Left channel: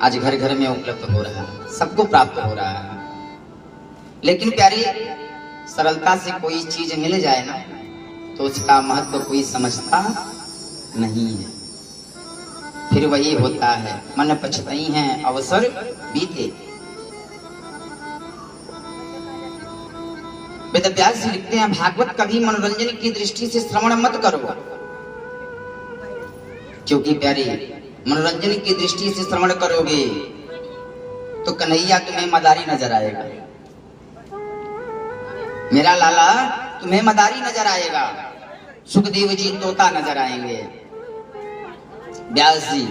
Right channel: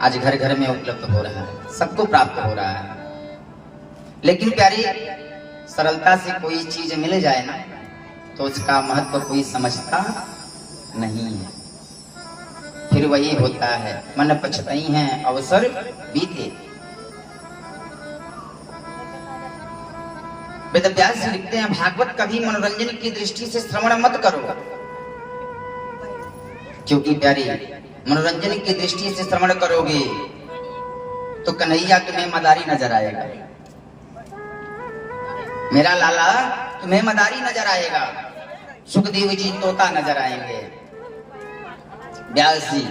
आज घर घर में उपलब्ध हो रहा है, सबको प्राप्त हो रहा है। लेकिन प्यारी, सरलता से कोई चीज मिल जाए ना तो उसका महत्व कोई समझता नहीं है। फिर वही होता है, मन पछताई है अवसर बीते। वेदव्यास जी लिखते हैं, भागवत कभी मनोरंजन की दृष्टि से श्रवण मत करो, क्योंकि प्यारी मनोरंजन की दृष्टि से श्रवण करोगे तो कन्हैया तुम्हें मदारी नजर आएगा, मेरा लाला तुम्हें मदारी नजर आएगा, सुखदेव जी तोता नजर आएंगे, व्यास जी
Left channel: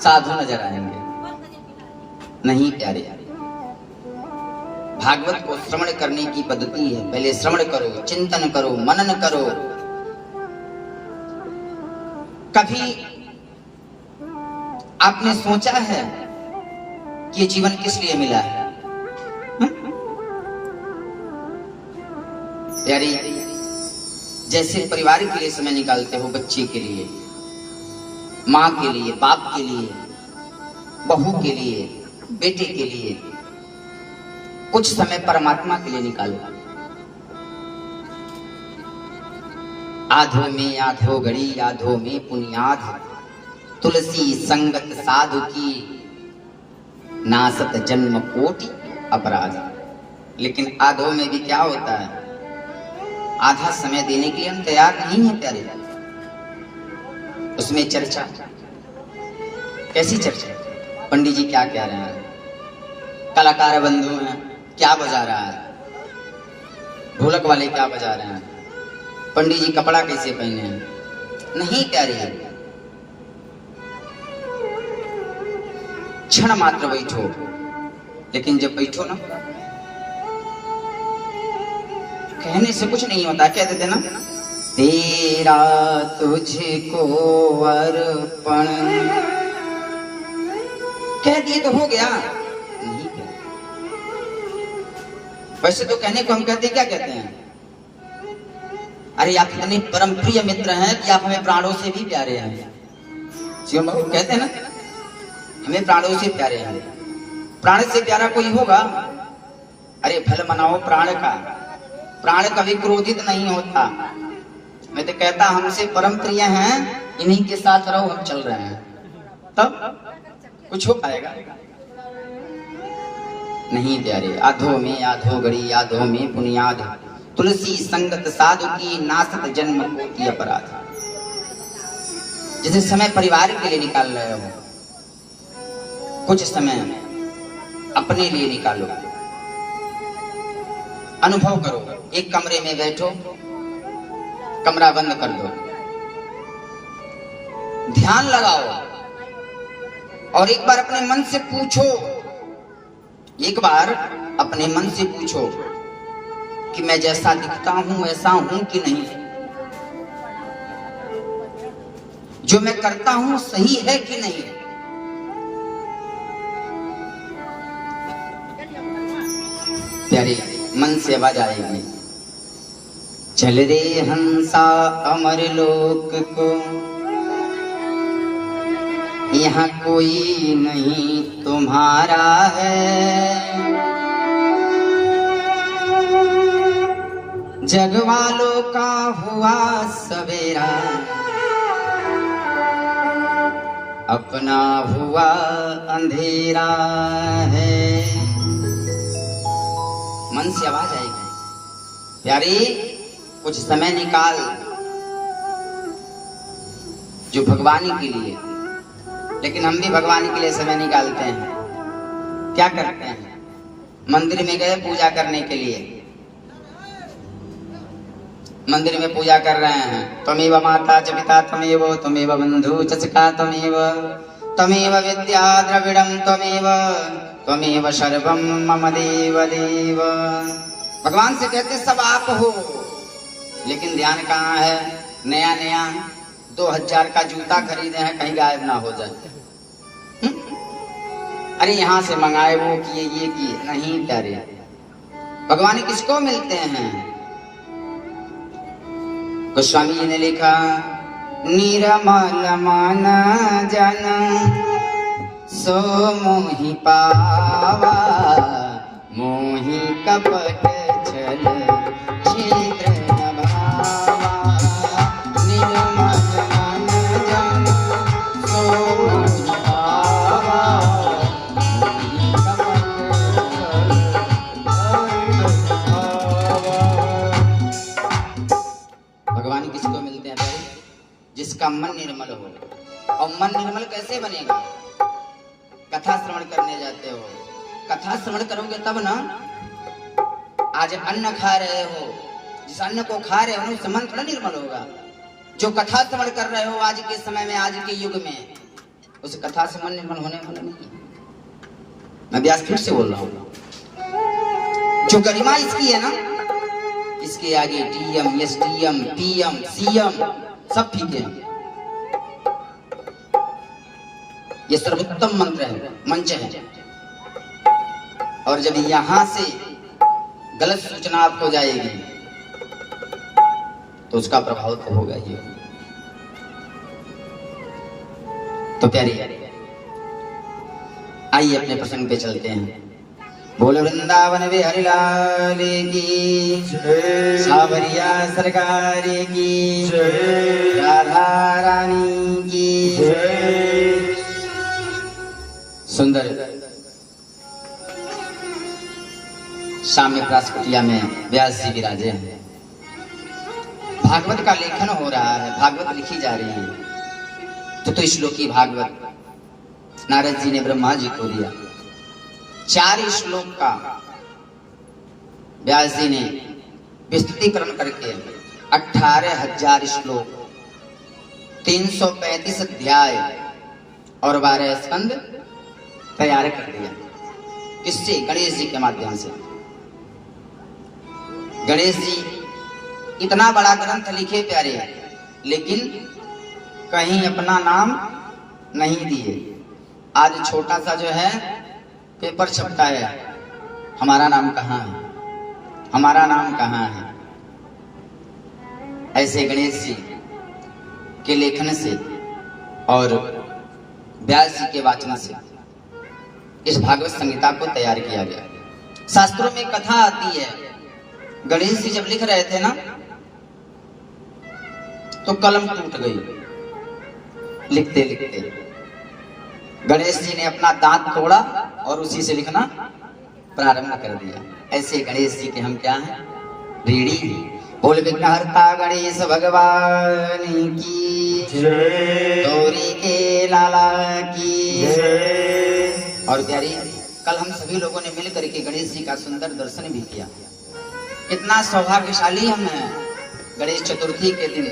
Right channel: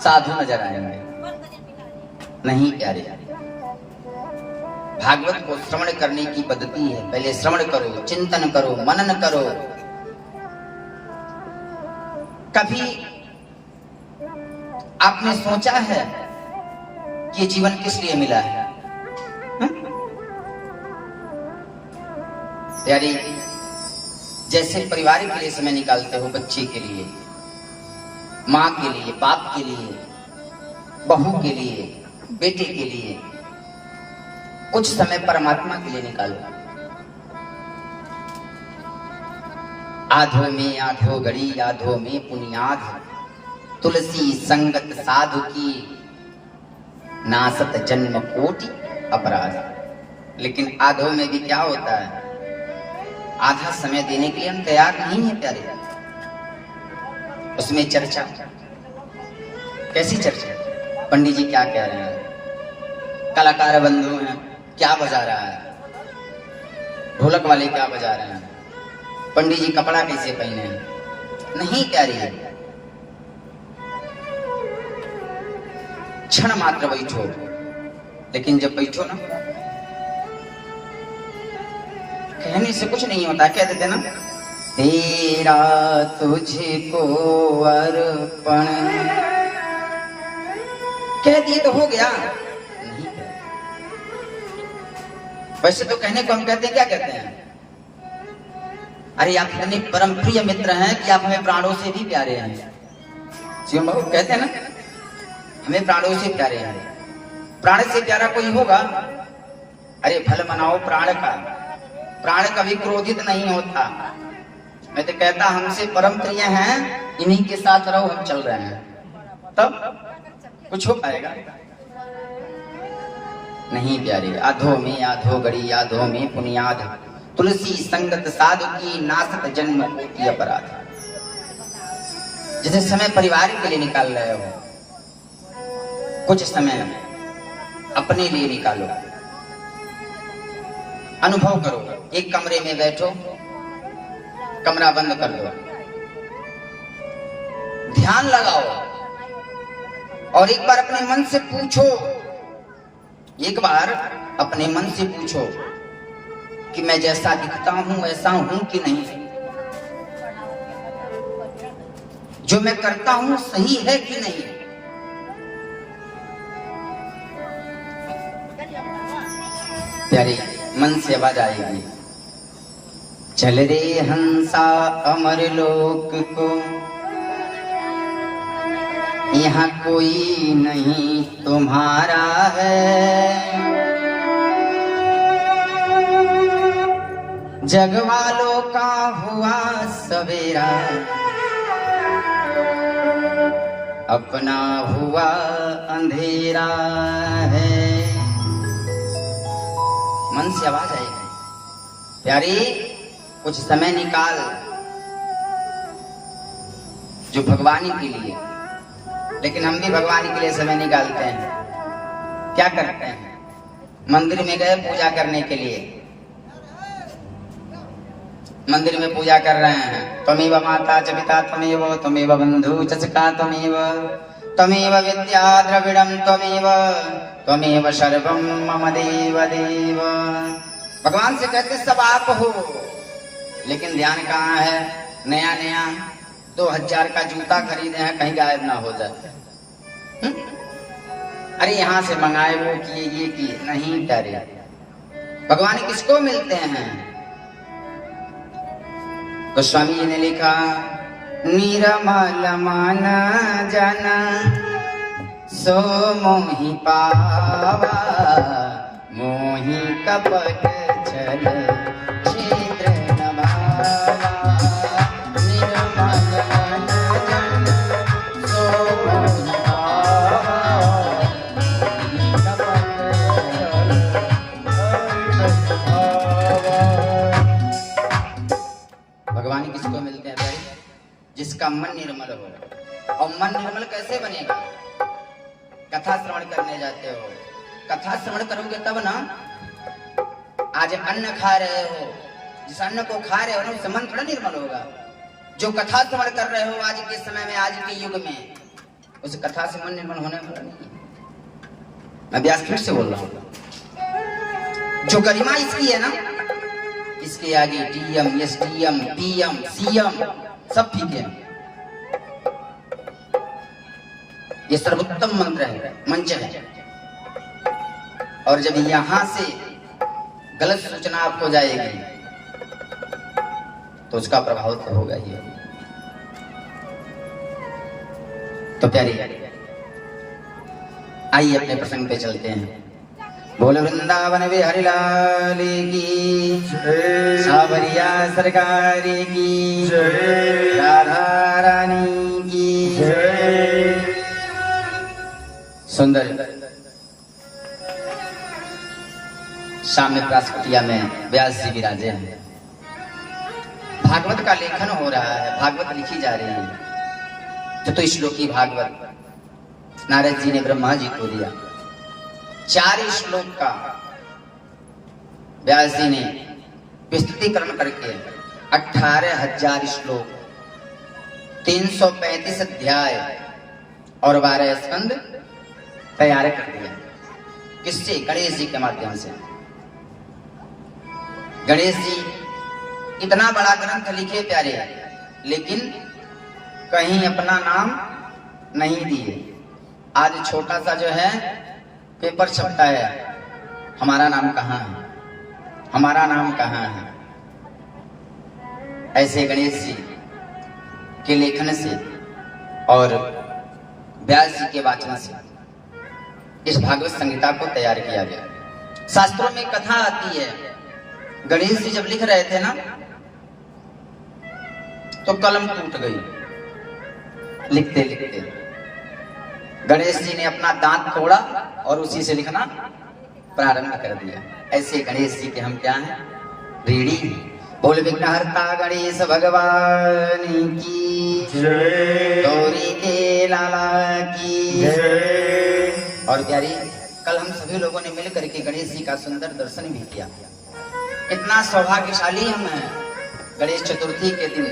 साधु नजर आएंगे। नहीं प्यारे, भागवत को श्रवण करने की पद्धति है, पहले श्रवण करो, चिंतन करो, मनन करो। कभी आपने सोचा है कि ये जीवन किस लिए मिला है? यारी, जैसे परिवार के लिए समय निकालते हो, बच्चे के लिए, माँ के लिए, बाप के लिए, बहू के लिए, बेटे के लिए, कुछ समय परमात्मा के लिए निकालो। आधो में आधो घड़ी, आधो में पुनियाद, तुलसी संगत साधु की, नासत जन्म कोटि अपराध। लेकिन आधो में भी क्या होता है, आधा समय देने के लिए हम तैयार नहीं है प्यारे। उसमें चर्चा, कैसी चर्चा? पंडित जी क्या कह रहे हैं, कलाकार बंधु हैं क्या बजा रहा है, ढोलक वाले क्या बजा रहे हैं, पंडित जी कपड़ा कैसे पहने हैं? नहीं प्यारे, क्षण मात्र बैठो। लेकिन जब बैठो ना, कहने से कुछ नहीं होता, कह देते ना, तेरा तुझको अर्पण, कह दिए तो हो गया। नहीं, वैसे तो कहने को हम कहते क्या कहते हैं, अरे आप इतने परम प्रिय मित्र हैं कि आप हमें प्राणों से भी प्यारे हैं। शिव बाबू कहते हैं ना, हमें प्राणों से प्यारे हैं। प्राण से प्यारा कोई होगा? अरे भल मनाओ प्राण का, प्राण कभी क्रोधित नहीं होता। मैं तो कहता हमसे परम प्रिय हैं, इन्हीं के साथ रहो, हम चल रहे हैं, तब कुछ हो पाएगा? नहीं प्यारे, आधो में आधो घड़ी, आधो में पुनियाद, तुलसी संगत साधु की, नासत जन्म कोटि अपराध। जैसे समय परिवार के लिए निकाल रहे हो, कुछ समय अपने लिए निकालो, अनुभव करो। एक कमरे में बैठो, कमरा बंद कर दो, ध्यान लगाओ और एक बार अपने मन से पूछो, एक बार अपने मन से पूछो कि मैं जैसा दिखता हूं ऐसा हूं कि नहीं, जो मैं करता हूं सही है कि नहीं। प्यारे, मन से आवाज आएगी, चल रे हंसा अमर लोक को, यहाँ कोई नहीं तुम्हारा है, जग वालों का हुआ सवेरा, अपना हुआ अंधेरा है। मन से आवाज आएगी, प्यारी कुछ समय निकाल जो भगवानी के लिए। लेकिन हम भी भगवान के लिए समय निकालते हैं, क्या करते हैं? मंदिर में गए पूजा करने के लिए, मंदिर में पूजा कर रहे हैं, त्वमेव माता च पिता त्वमेव, त्वमेव बंधु च सखा त्वमेव, त्वमेव विद्या द्रविड़ं त्वमेव, त्वमेव सर्वं मम देव देव। भगवान से कहते सब आप हो, लेकिन ध्यान कहाँ है? नया नया 2000 का जूता खरीदे हैं, कहीं गायब ना हो जाए। अरे यहाँ से मंगाए, वो किए, ये किए, नहीं प्यारे। भगवान किसको मिलते हैं? गोस्वामी जी ने लिखा, निरमल मन जन सो मोहि पावा मोहि कपट छल छिद्र न भावा निर्मल मन जन सो मोहि पावा मोहि कपट भगवान किसको मिलते हैं भाई? जिसका मन निर्मल हो। और मन निर्मल कैसे बनेगा? कथा श्रवण करने जाते हो, कथा श्रवण करोगे तब ना। आज अन्न खा रहे हो, जिस अन्न को खा रहे हो ना उससे मन थोड़ा निर्मल होगा। जो कथा श्रवण कर रहे हो आज के समय में, आज के युग में, उस कथा से मन निर्मल होने वाला नहीं। मैं व्यासपीठ से बोल रहा हूँ। जो गरिमा इसकी है ना, इसके आगे टीएम, एसटीएम, पीएम, सीएम सब ठीक है। ये सर्वोत्तम मंत्र है, मंच है। और जब यहां से गलत सूचना आपको जाएगी तो उसका प्रभाव तो होगा ही। तो प्यारी आइए अपने प्रसंग पे चलते हैं। बोल वृंदावन बिहारी लाल की, सावरिया सरकार की, राधा रानी की। सुंदर सामने प्रास कुटिया में व्यास जी विराजे हैं। भागवत का लेखन हो रहा है, भागवत लिखी जा रही है। चतुश्लोकी भागवत नारद जी ने ब्रह्मा जी को दिया। 4 श्लोक का व्यास जी ने विस्तृतीकरण करके 18,000 श्लोक, 335 अध्याय और 12 स्कंद तैयार कर दिया। किससे? गणेश जी के माध्यम से। गणेश जी इतना बड़ा ग्रंथ लिखे प्यारे, लेकिन कहीं अपना नाम नहीं दिए। आज छोटा सा जो है पेपर छपता है, हमारा नाम कहाँ है, हमारा नाम कहाँ है। ऐसे गणेश जी के लेखन से और व्यास जी के वाचन से इस भागवत संहिता को तैयार किया गया। शास्त्रों में कथा आती है, गणेश जी जब लिख रहे थे ना तो कलम टूट गई। लिखते लिखते गणेश जी ने अपना दांत तोड़ा और उसी से लिखना प्रारंभ कर दिया। ऐसे गणेश जी के हम क्या हैं? ऋणी। बोल विघ्नहर्ता गणेश भगवान की जय, गौरी के लाला की जय। और प्यारी, कल हम सभी लोगों ने मिलकर के गणेश जी का सुंदर दर्शन भी किया। इतना सौभाग्यशाली हम हैं। गणेश चतुर्थी के दिन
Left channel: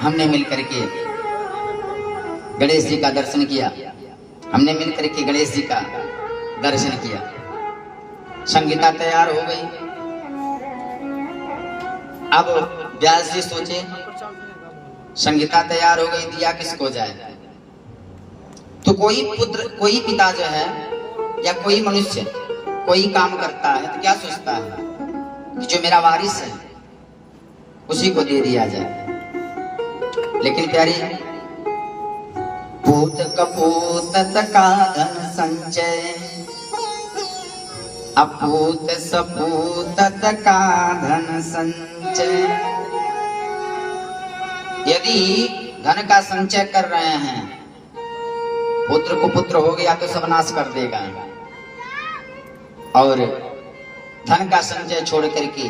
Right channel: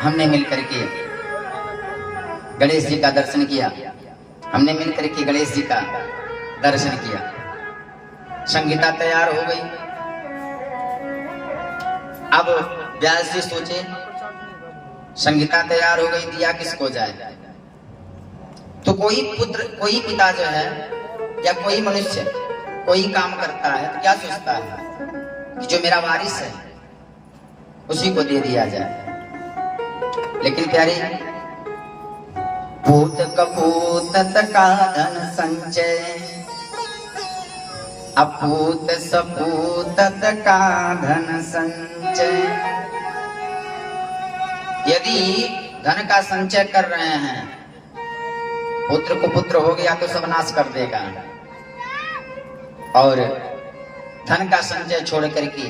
हमने मिलकर के गणेश जी का दर्शन किया, हमने मिलकर के गणेश जी का दर्शन किया। संगीता तैयार हो गई। अब व्यास जी सोचे संगीता तैयार हो गई, दिया किसको जाए? तो कोई पुत्र, कोई पिता जो है या कोई मनुष्य कोई काम करता है तो क्या सोचता है कि जो मेरा वारिस है उसी को दे दिया जाए। लेकिन प्यारे, पूत कपूत का धन संचय, अपूत सपूत का धन संचय। यदि धन का संचय कर रहे हैं, पुत्र को पुत्र हो गया तो सब नाश कर देगा, और धन का संचय छोड़ करके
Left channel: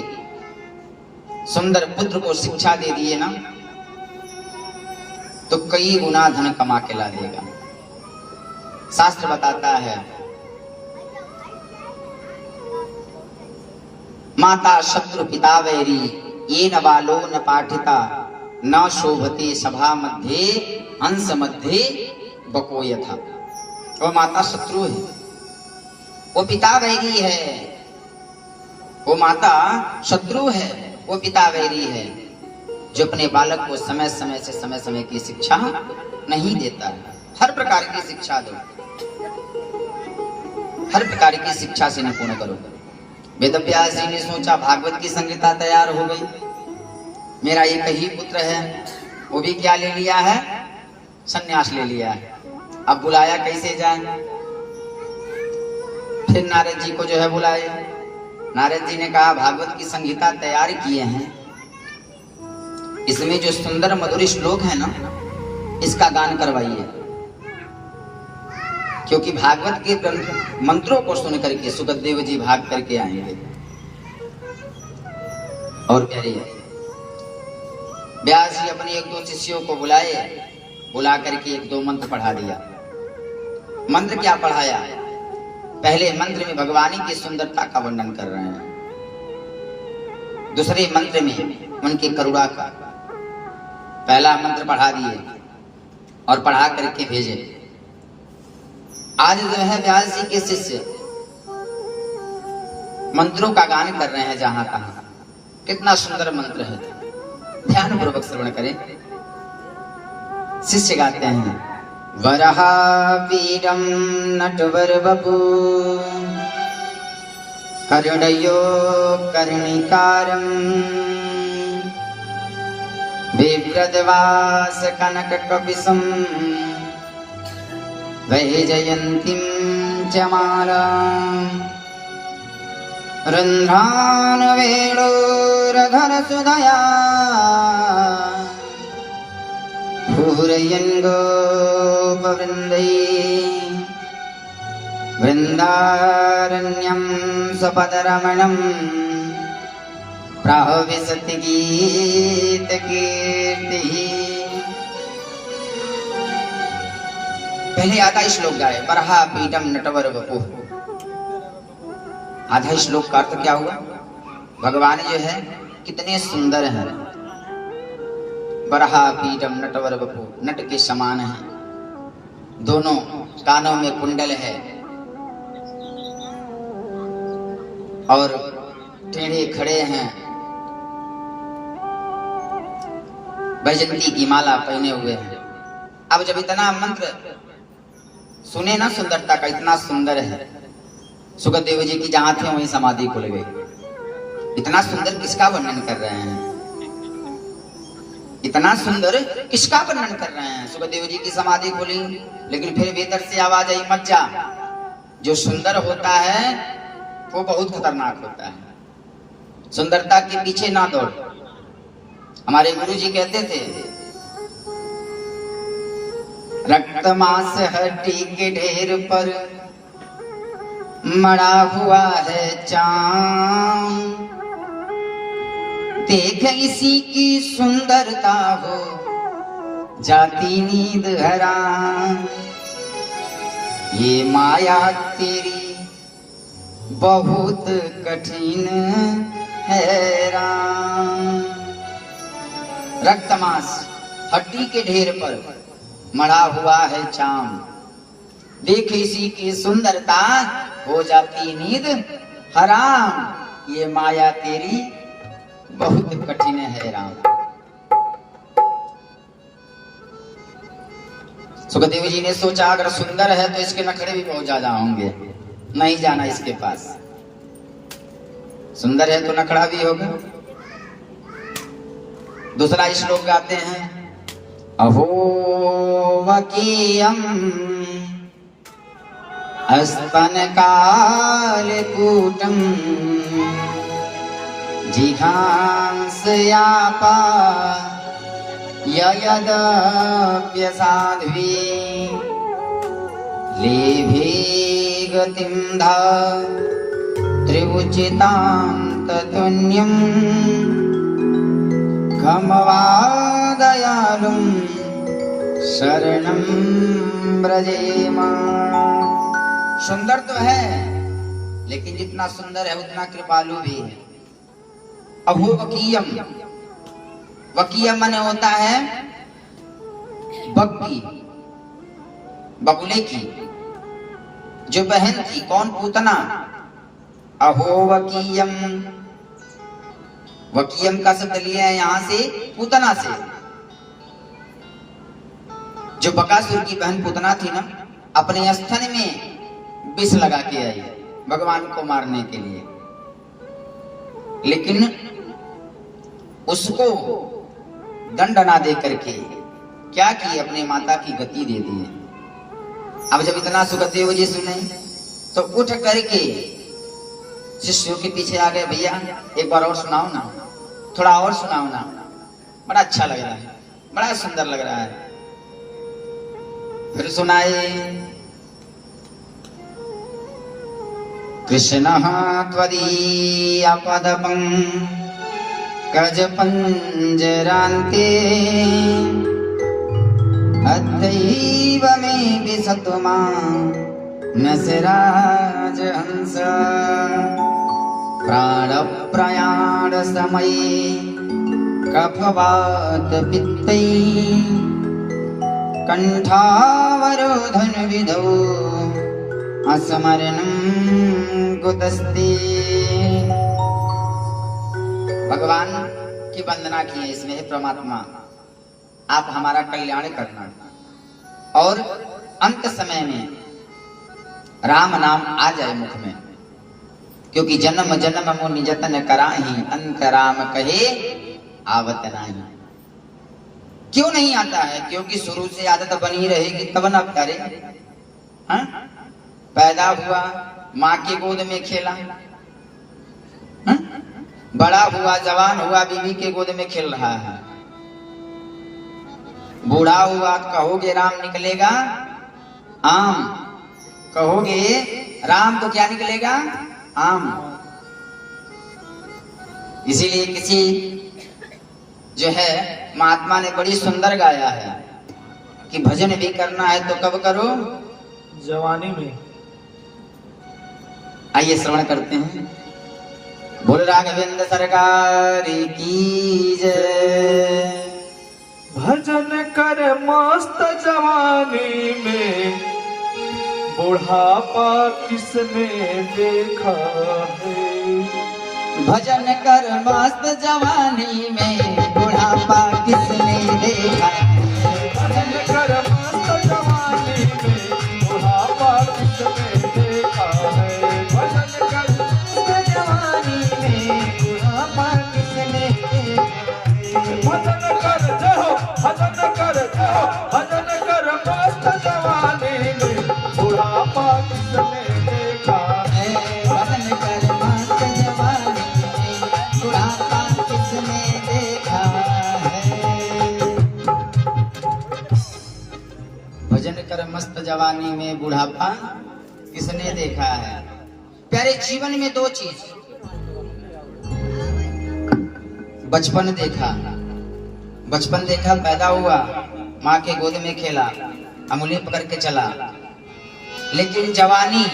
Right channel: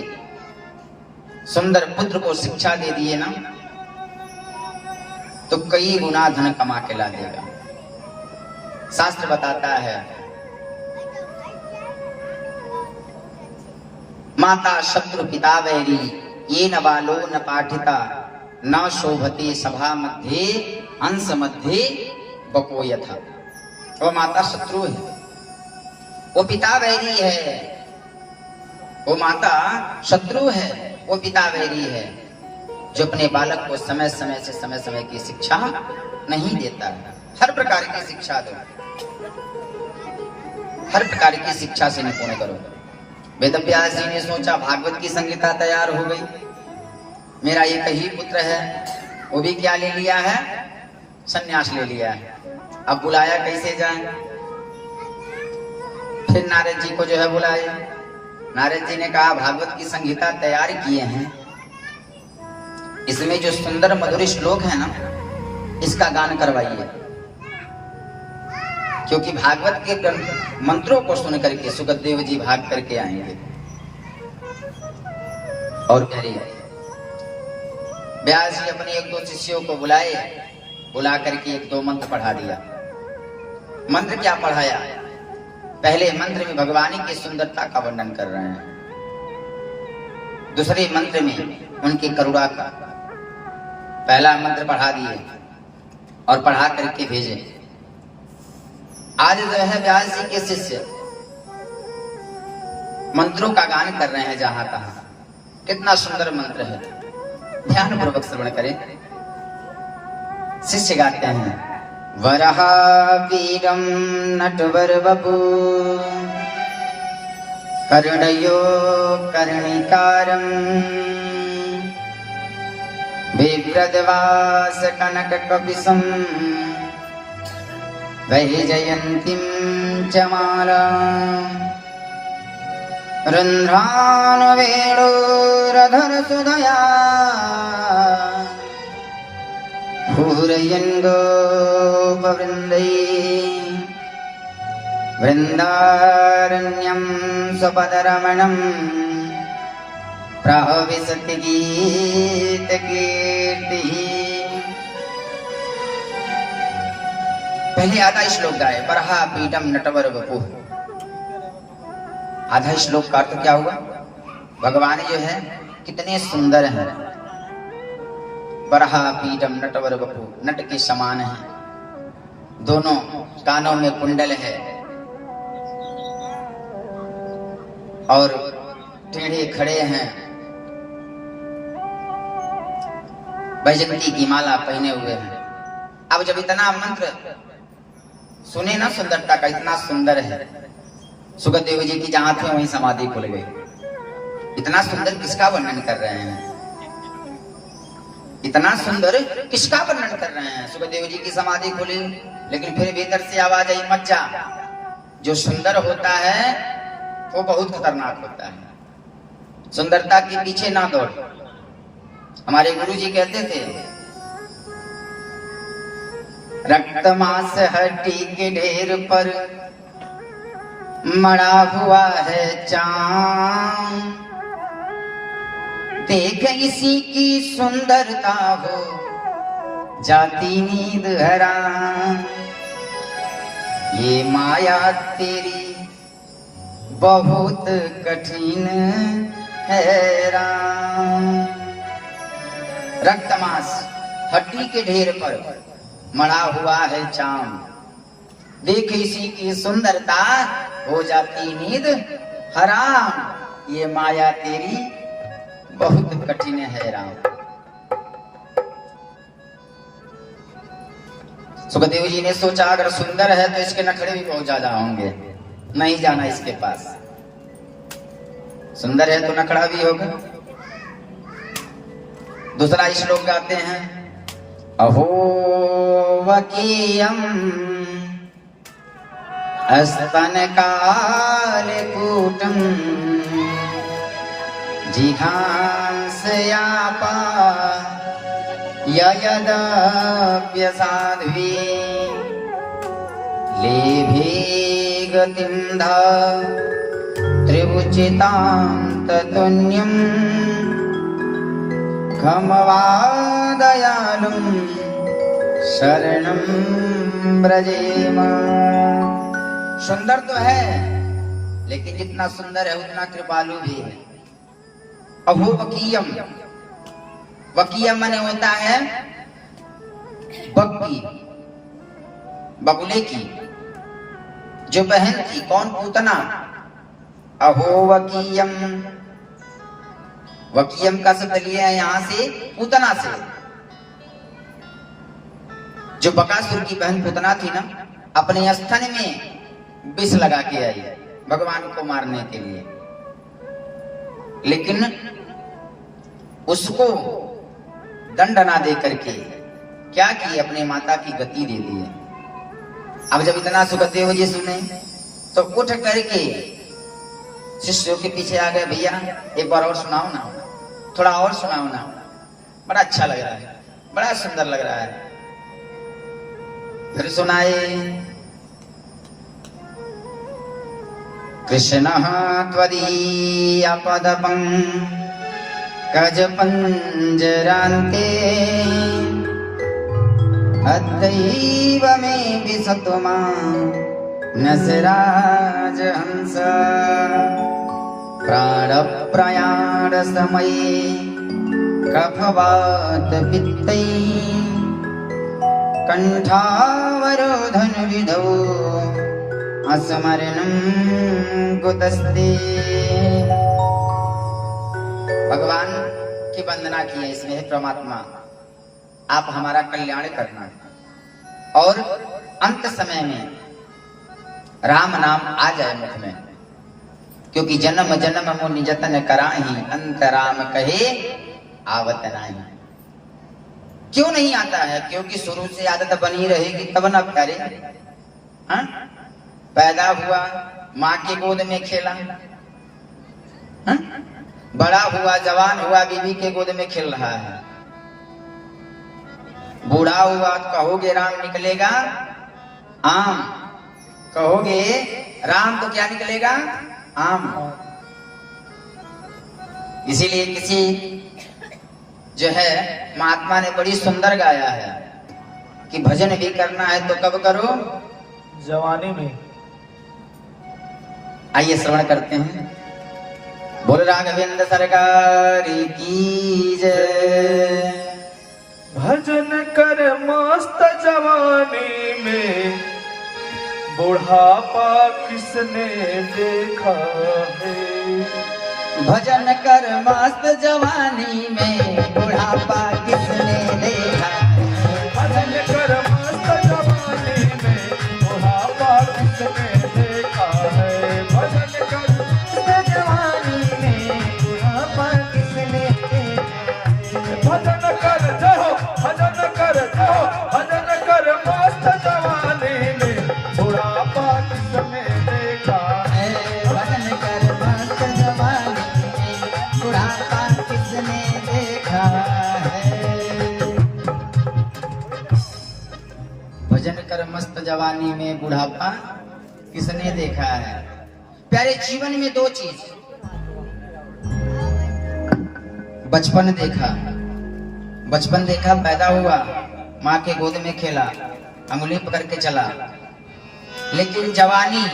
सुंदर पुत्र को शिक्षा दे दिए ना तो कई गुना धन कमा के ला देगा। शास्त्र बताता है, माता शत्रु पिता वैरी, ये न बालो न पाठिता, न शोभते सभा मध्ये, हंस मध्ये बको यथा। वो माता शत्रु है, वो पिता वैरी है। वो माता शत्रु है, वो पिता वैरी है, जो अपने बालक को समय समय की शिक्षा नहीं देता। हर प्रकार की शिक्षा दो, हर प्रकार की शिक्षा से निपुण करो। वेदव्यास जी ने सोचा भागवत की संहिता तैयार हो गई, मेरा एक ही पुत्र है, वो भी क्या ले लिया है? संन्यास ले लिया है। अब बुलाया कैसे जाए? फिर नारद जी को जो है बुलाया। नारद जी ने कहा भागवत की संहिता तैयार किए हैं, इसमें जो सुंदर मधुर श्लोक है ना, इसका गान करवाइए। क्योंकि भागवत के मंत्रों को सुन करके सुखदेव जी भाग करके आएंगे। और करिए व्यास जी अपने एक दो शिष्यों को बुलाए, बुला करके एक दो मंत्र पढ़ा दिया। मंत्र क्या पढ़ाया? पहले मंत्र में भगवानी की सुंदरता का वर्णन कर रहे हैं, दूसरे मंत्र में उनकी करुणा का। पहला मंत्र पढ़ा दिए और पढ़ा करके भेजे। आज जो है व्यास जी के शिष्य मंत्रों का गान कर रहे हैं जहां तहां। कितना सुंदर मंत्र है, ध्यान पूर्वक श्रवण करें। शिष्य गाते हैं, वरहा वीरम नटवर बपू कर्णयो कर्णिकारम विव्रतवास कनक कपिसुम वैजयन्तीं च मालाम् रन्ध्रानुवेणुरधर सुधया पूरयन् गोपवृन्दैः वृन्दारण्यं स्वपदरमणम् प्राहविशति गीतकीर्तिः। पहले आधा श्लोक गाए, बरहा पीठम नटवर बपू। आधा श्लोक का अर्थ क्या हुआ? भगवान जो है कितने सुंदर हैं। बरहा पीठम नटवर बपू, नट के समान है, दोनों कानों में कुंडल है और टेढ़े खड़े हैं, वैजयंती की माला पहने हुए हैं। अब जब इतना मंत्र सुने ना, सुंदरता का इतना सुंदर है, सुखदेव जी की जहां थे वहीं समाधि खुल गई। इतना सुंदर किसका वर्णन कर रहे हैं? इतना सुंदर किसका वर्णन कर रहे हैं? सुखदेव जी की समाधि खुली, लेकिन फिर भीतर से आवाज आई, मत जा। जो सुंदर होता है वो बहुत खतरनाक होता है। सुंदरता के पीछे ना दौड़। हमारे गुरु जी कहते थे, रक्त मांस हड्डी के ढेर पर मड़ा हुआ है चांद, देख इसी की सुंदरता हो जाती नींद हराम। ये माया तेरी बहुत कठिन है राम। रक्त मांस हड्डी के ढेर पर मढ़ा हुआ है चाम, देख इसी की सुंदरता हो जाती नींद हराम। ये माया तेरी बहुत कठिन है राम। सुखदेव जी ने सोचा अगर सुंदर है तो इसके नखरे भी बहुत ज्यादा होंगे, नहीं जाना इसके पास। सुंदर है तो नखरा भी होगा। दूसरा श्लोक गाते हैं, अहो वकीयम स्तन कालकूटम जिघांसयापा ययदप्यसाध्वी लेभे गतिं धा त्रिभुजितां ततुन्यं खमवादयालुं शरणं व्रजेम। सुंदर तो है, लेकिन जितना सुंदर है उतना कृपालु भी है। अभो वकीयम, वकीयम माने होता है बग्गी, बगुले की जो बहन थी। कौन? पूतना। अहो वकीयम, वकीयम का शब्द लिया है यहां से पूतना से। जो बकासुर की बहन पूतना थी ना, अपने स्तन में विष लगा के आई भगवान को मारने के लिए, लेकिन उसको दंड ना दे करके क्या की? अपने माता की गति दे दी है। अब जब इतना सुखदेव जी सुने तो उठ करके शिष्यों के पीछे आ गए, भैया एक बार और सुनाओ ना, थोड़ा और सुनाओ ना, बड़ा अच्छा लग रहा है, बड़ा सुंदर लग रहा है। फिर सुनाए, कृष्ण त्वदीयपदपं कज पंजरान्ते अद्दैव मे विसतुमा नसराज हंस प्राण प्रयाण समये कफवात पित्तै कंठावरोधन विधौ अस्मरणं कुतस्ते। भगवान की वंदना की है इसमें, हे परमात्मा आप हमारा कल्याण करना और अंत समय में राम नाम आ जाए मुख में, क्योंकि जन्म जन्म मुनि जतन कराही अंत राम कहे आवत नाही। क्यों नहीं आता है? क्योंकि शुरू से आदत बनी रहेगी तब ना प्यारे। हाँ? पैदा हुआ माँ की गोद में खेला, हाँ? बड़ा हुआ जवान हुआ बीवी के गोद में खेल रहा है, बूढ़ा हुआ कहोगे राम निकलेगा आम, कहोगे राम तो क्या निकलेगा आम। इसीलिए किसी जो है महात्मा ने बड़ी सुंदर गाया है कि भजन भी करना है तो कब करो? जवानी में। आइए श्रवण करते हैं। बोल राघवेंद्र सरकार की जय। भजन कर मस्त जवानी में बुढ़ापा किसने देखा है। भजन कर मस्त जवानी में बुढ़ापा किसने देखा है। भजन कर मस्त जवानी में बुढ़ापा किसने देखा है। भजन कर मस्त जवानी में बुढ़ापा किसने देखा है। भजन कर जाओ, भजन कर जाओ, भजन कर मस्त जवानी में बुढ़ापा किसने देखा है। भजन कर मस्त जवानी में बुढ़ापा किसने देखा है। भजन कर मस्त जवानी में बुढ़ापा किसने देखा है। प्यारे जीवन में दो चीज, बचपन देखा, बचपन देखा, पैदा हुआ माँ के गोद में खेला, अंगुली पकड़ के चला, लेकिन जवानी